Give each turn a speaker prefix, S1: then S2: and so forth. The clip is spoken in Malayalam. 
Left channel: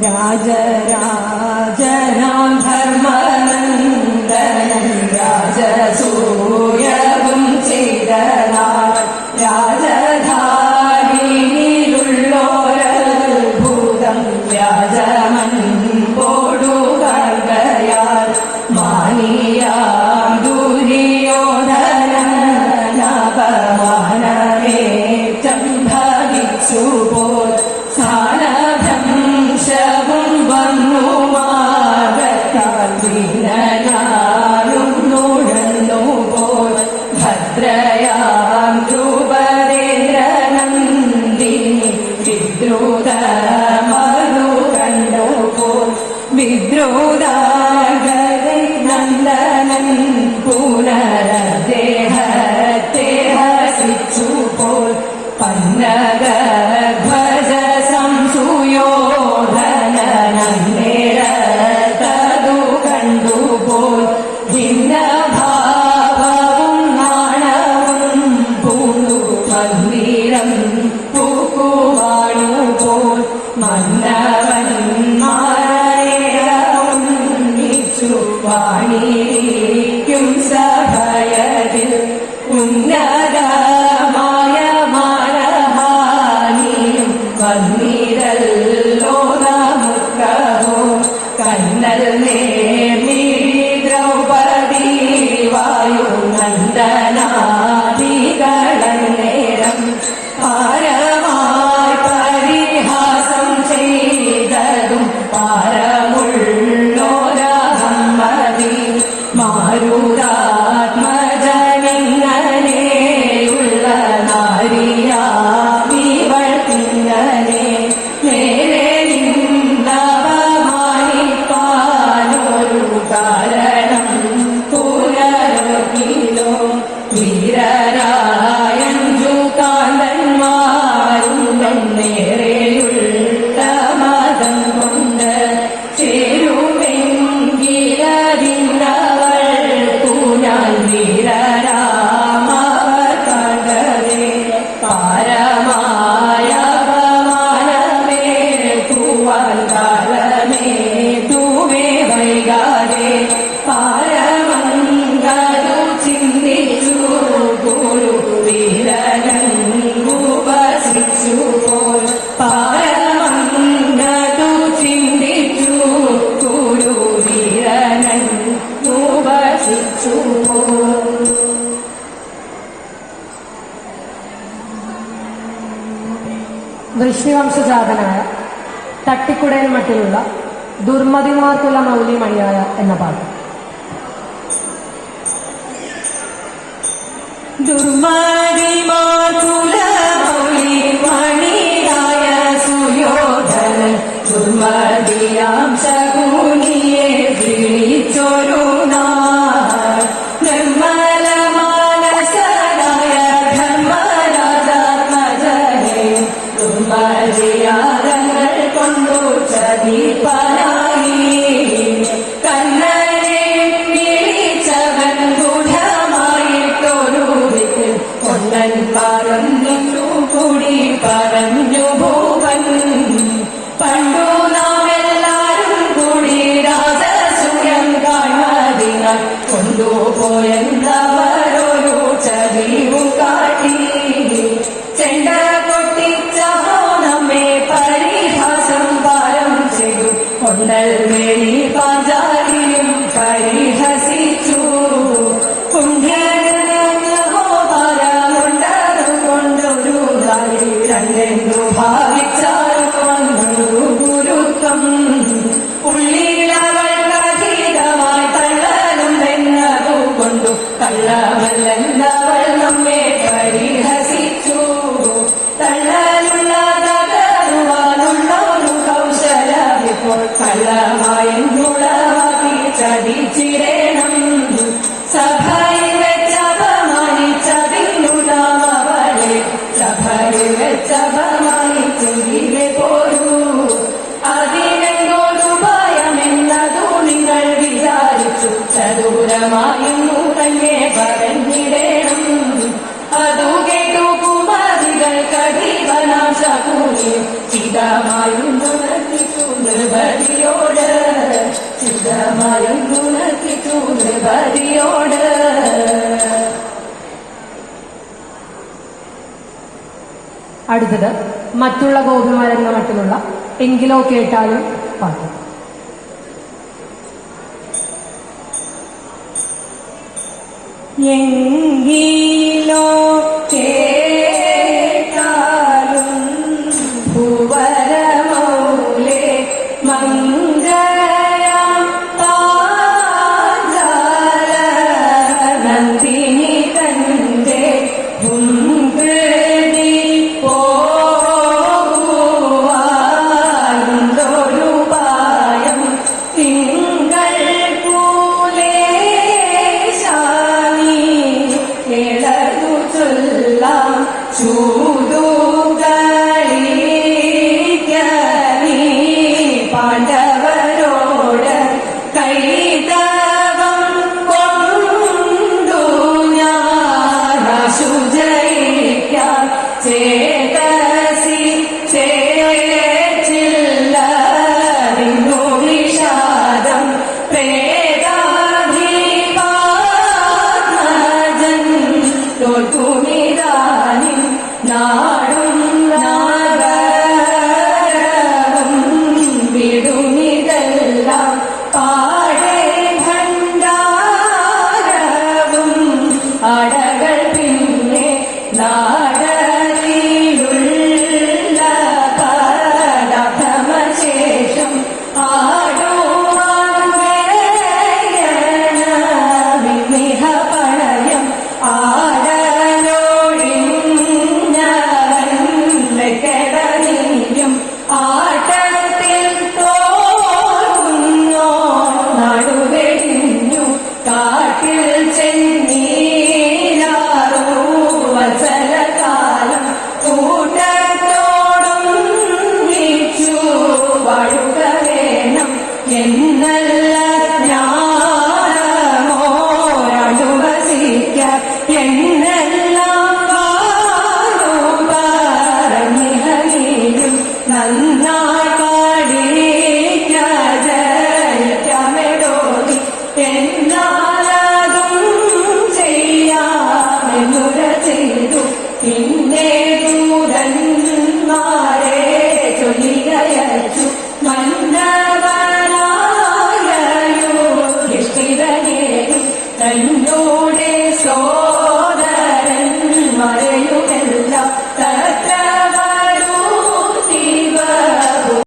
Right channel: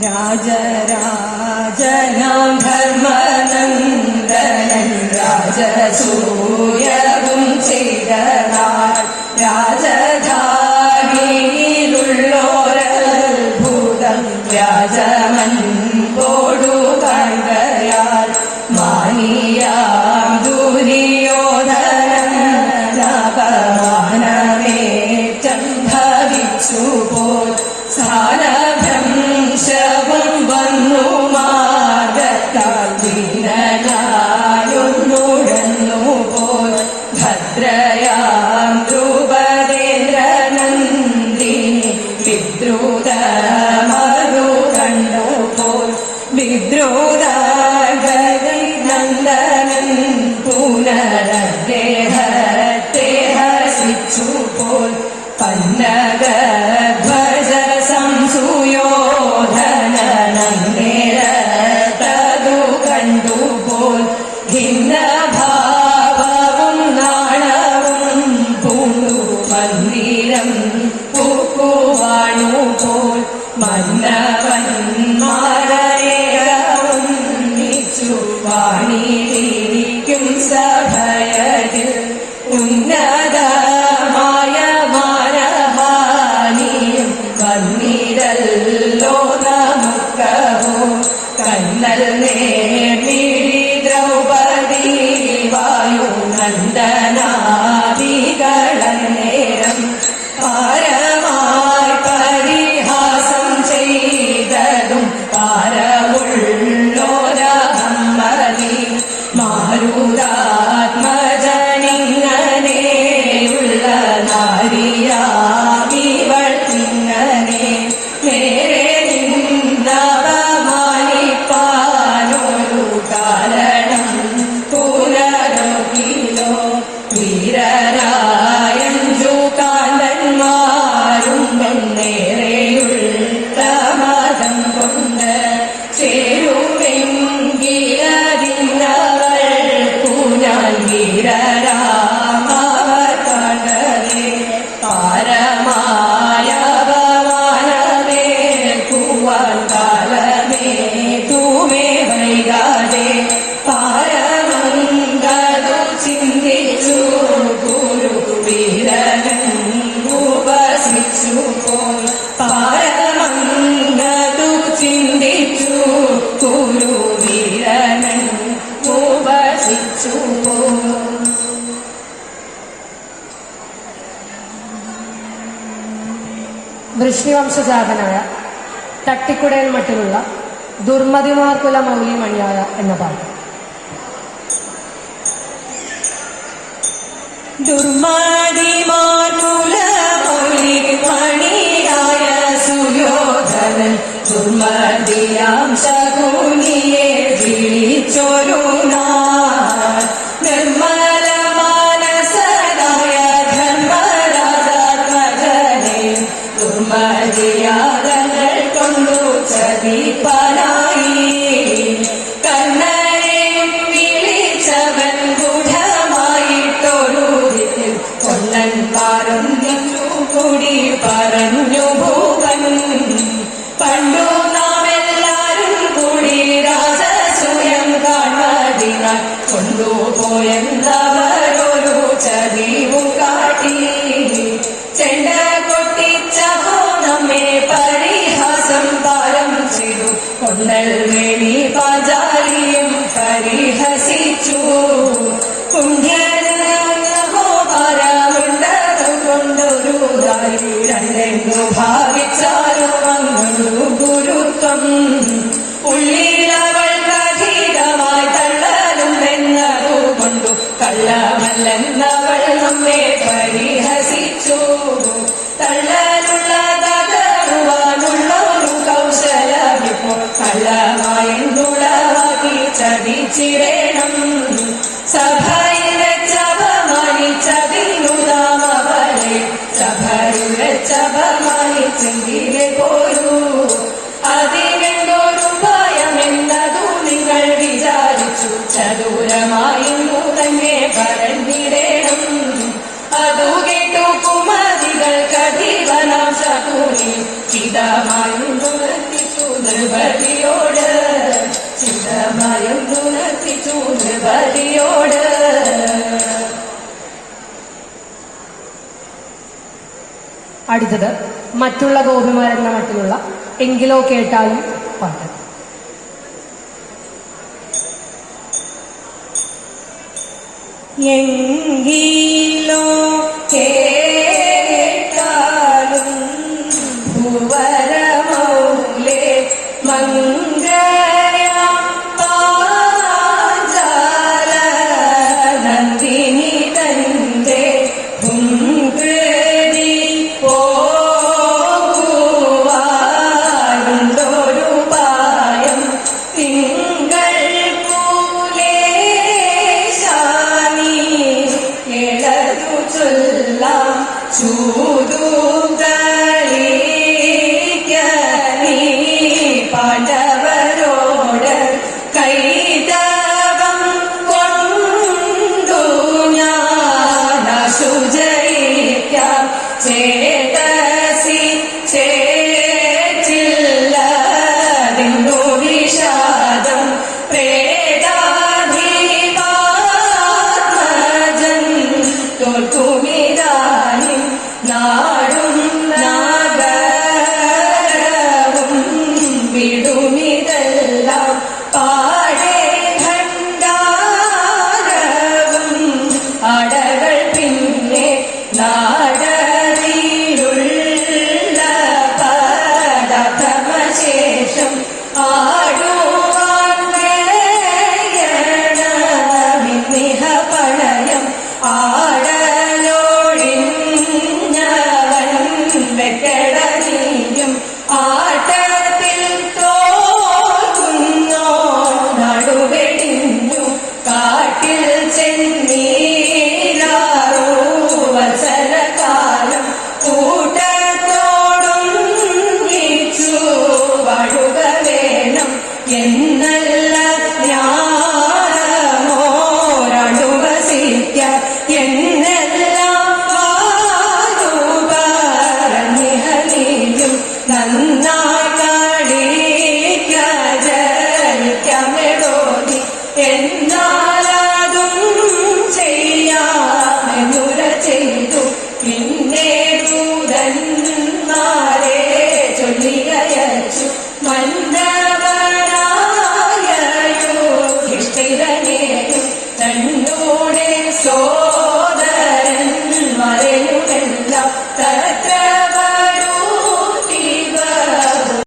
S1: രാജരാജനാം ധർമ്മനന്ദനം. My name.
S2: കവിതയുടെ മട്ടിലുള്ള ദുർമതിമാർക്കുല മൗലി മണിയായ എന്ന പാട്ട്.
S1: ദുർമതിമാർക്കുല മൗലി മണിയായ സുയോധനൻ ദുർമതിയാം ശക്തി mujeres
S2: അടുത്തത് മറ്റുള്ള ഗോപമാരെന്ന മറ്റുള്ള എങ്കിലോ കേട്ടാലും പാട്ട്.